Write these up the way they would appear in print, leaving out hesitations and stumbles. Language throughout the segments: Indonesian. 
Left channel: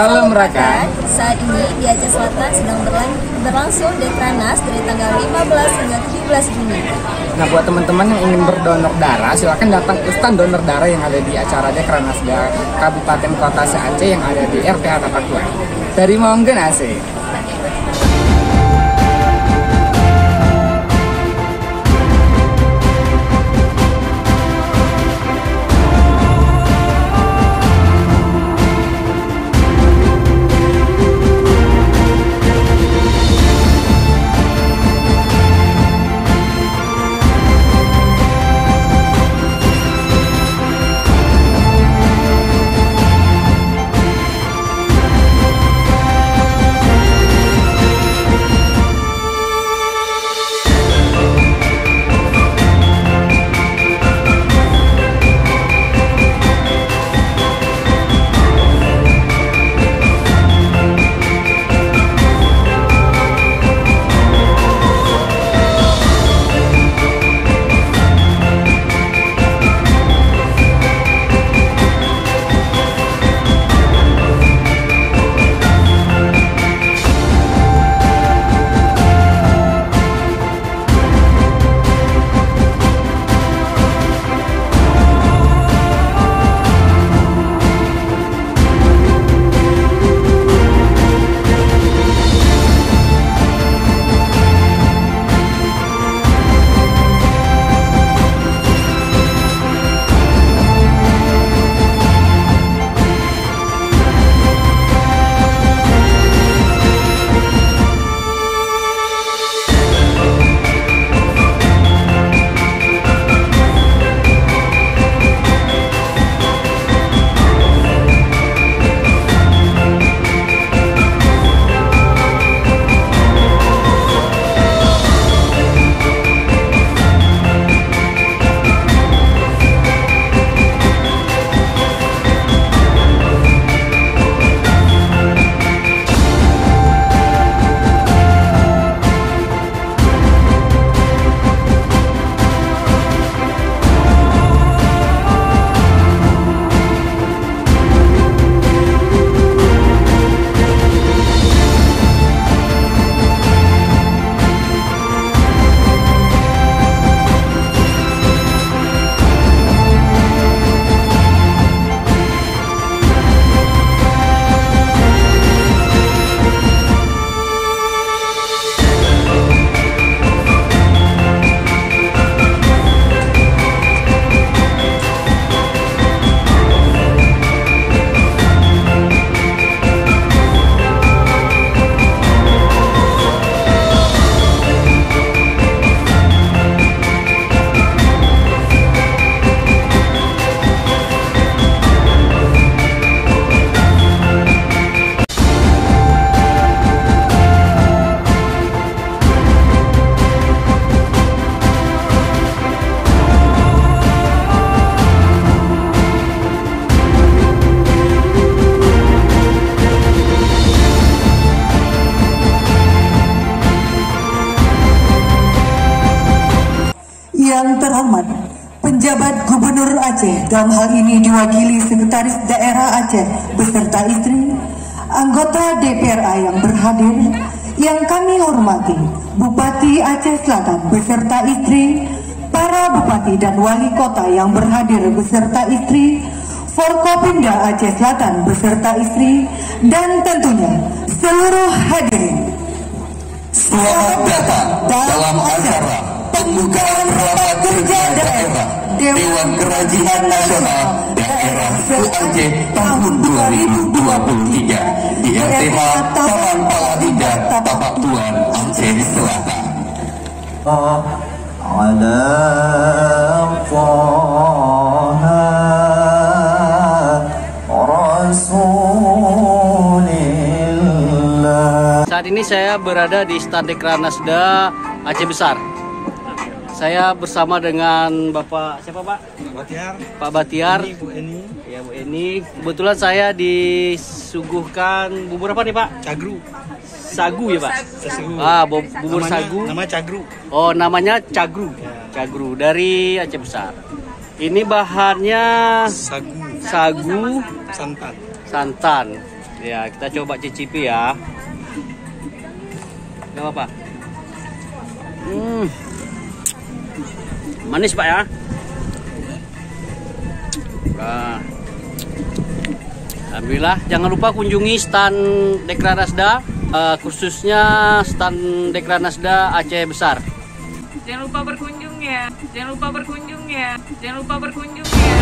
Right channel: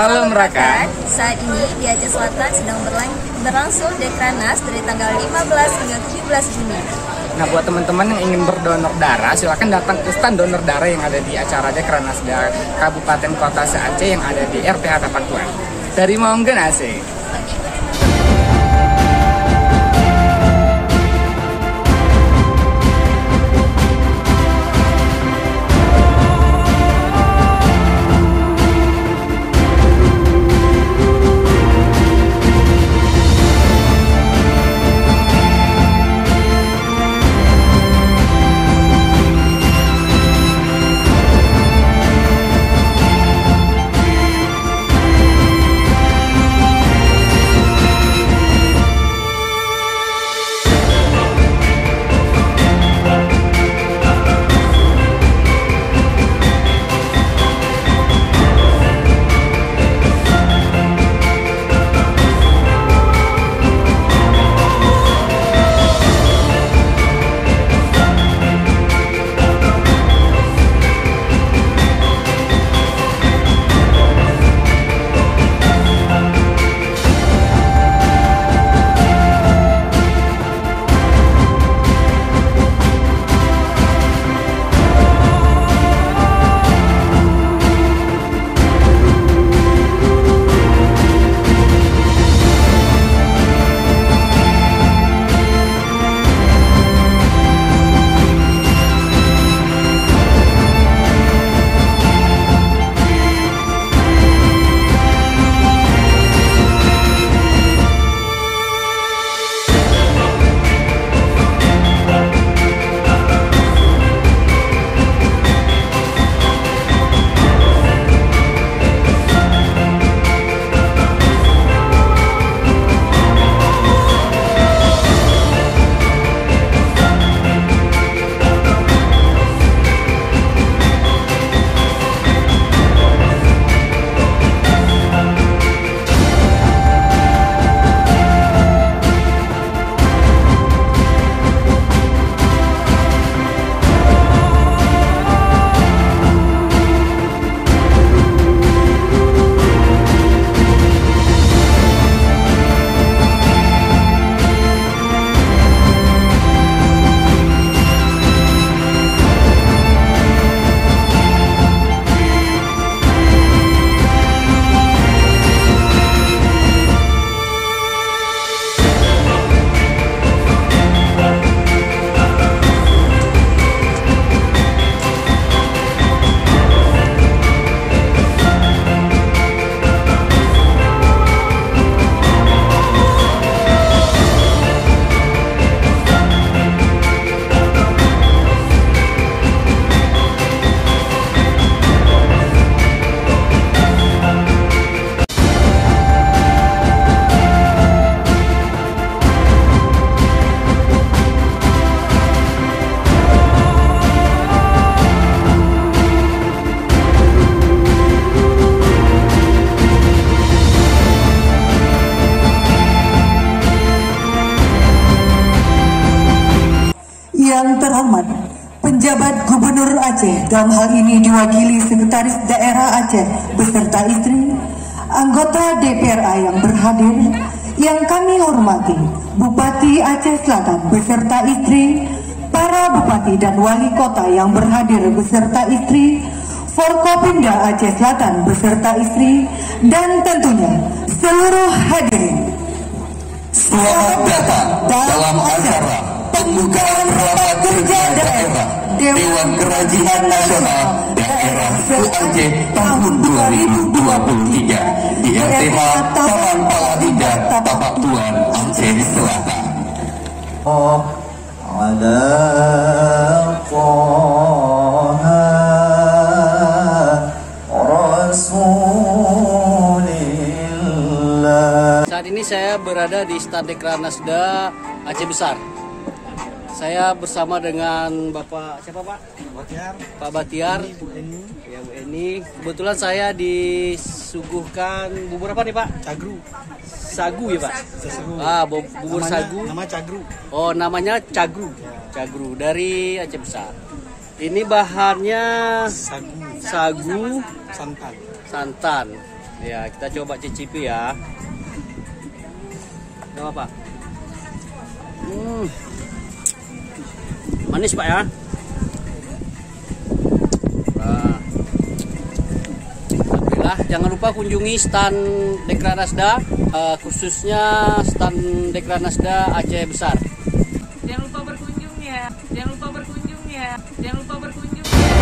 Salam Rakan. Saat ini di Aceh Selatan sedang berlangsung Dekranas dari tanggal 15 hingga 17 Juni. Nah, buat teman-teman yang ingin berdonor darah, silakan datang ke stand donor darah yang ada di acara Dekranas Kabupaten Kota se-Aceh yang ada di RPH Tapak Tuan. Dari Monggen Aceh. Yang terhormat, penjabat Gubernur Aceh, dalam hal ini diwakili Sekretaris Daerah Aceh beserta istri, anggota DPRA yang berhadir, yang kami hormati Bupati Aceh Selatan beserta istri, para bupati dan wali kota yang berhadir beserta istri, Forkopimda Aceh Selatan beserta istri, dan tentunya seluruh hadirin. Selamat datang dalam acara pembukaan rapat kerja daerah Dewan Kerajinan Nasional Daerah se-Aceh tahun 2023 di RPH Taman Paladinda, Tapak Tuan, Aceh Selatan. Saat ini saya berada di stand Dekranasda Aceh Besar. Saya bersama dengan Bapak siapa Pak? Pak Batiar. Bu Eni. Ya Bu Eni. Kebetulan saya disuguhkan bubur apa nih Pak? Cagru. Sagu ya Pak? Sagu. Bubur sagu. Nama Cagru. Oh, namanya Cagru. Ya. Cagru dari Aceh Besar. Ini bahannya Sagu. Sagu, Santan. santan. Ya, kita coba cicipi ya. Gak apa-apa. Manis Pak ya. Nah, alhamdulillah, jangan lupa kunjungi stand Dekranasda, khususnya stand Dekranasda Aceh Besar. Jangan lupa berkunjung ya. Jangan lupa berkunjung ya. Jangan lupa berkunjung ya.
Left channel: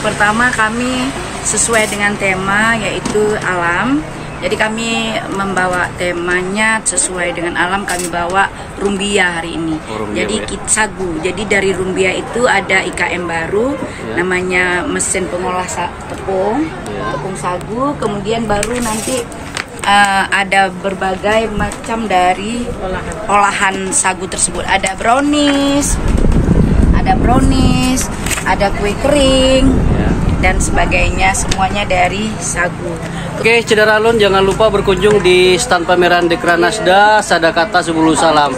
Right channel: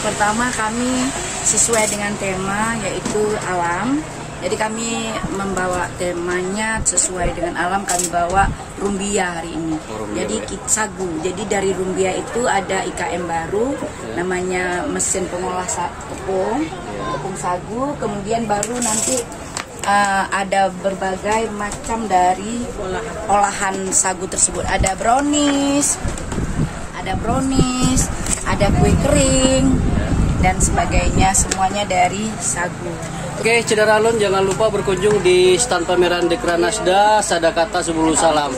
Pertama, kami sesuai dengan tema yaitu alam. Jadi kami membawa temanya sesuai dengan alam, kami bawa rumbia hari ini. Jadi sagu. Jadi dari rumbia itu ada IKM baru namanya mesin pengolah tepung, tepung sagu. Kemudian baru nanti ada berbagai macam dari olahan sagu tersebut. Ada brownies, ada kue kering dan sebagainya, semuanya dari sagu. Oke, Cederalun, jangan lupa berkunjung di stand pameran Dekranasda Sadakata 10 Salam.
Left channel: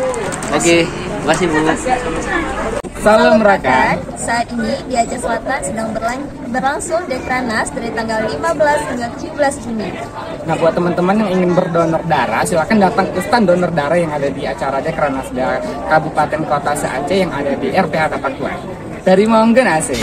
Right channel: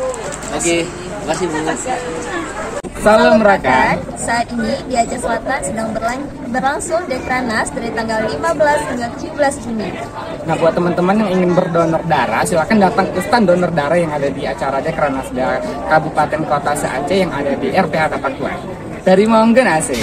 Oke, makasih Bu. Salam Rakan. Saat ini di Aceh Selatan sedang berlangsung Dekranas dari tanggal 15 hingga 17 Juni. Nah, buat teman-teman yang ingin berdonor darah, silakan datang ke stand donor darah yang ada di acara Dekranasda Kabupaten Kota se-Aceh yang ada di RPH Tapak Tuan. Dari Maunggen Aceh.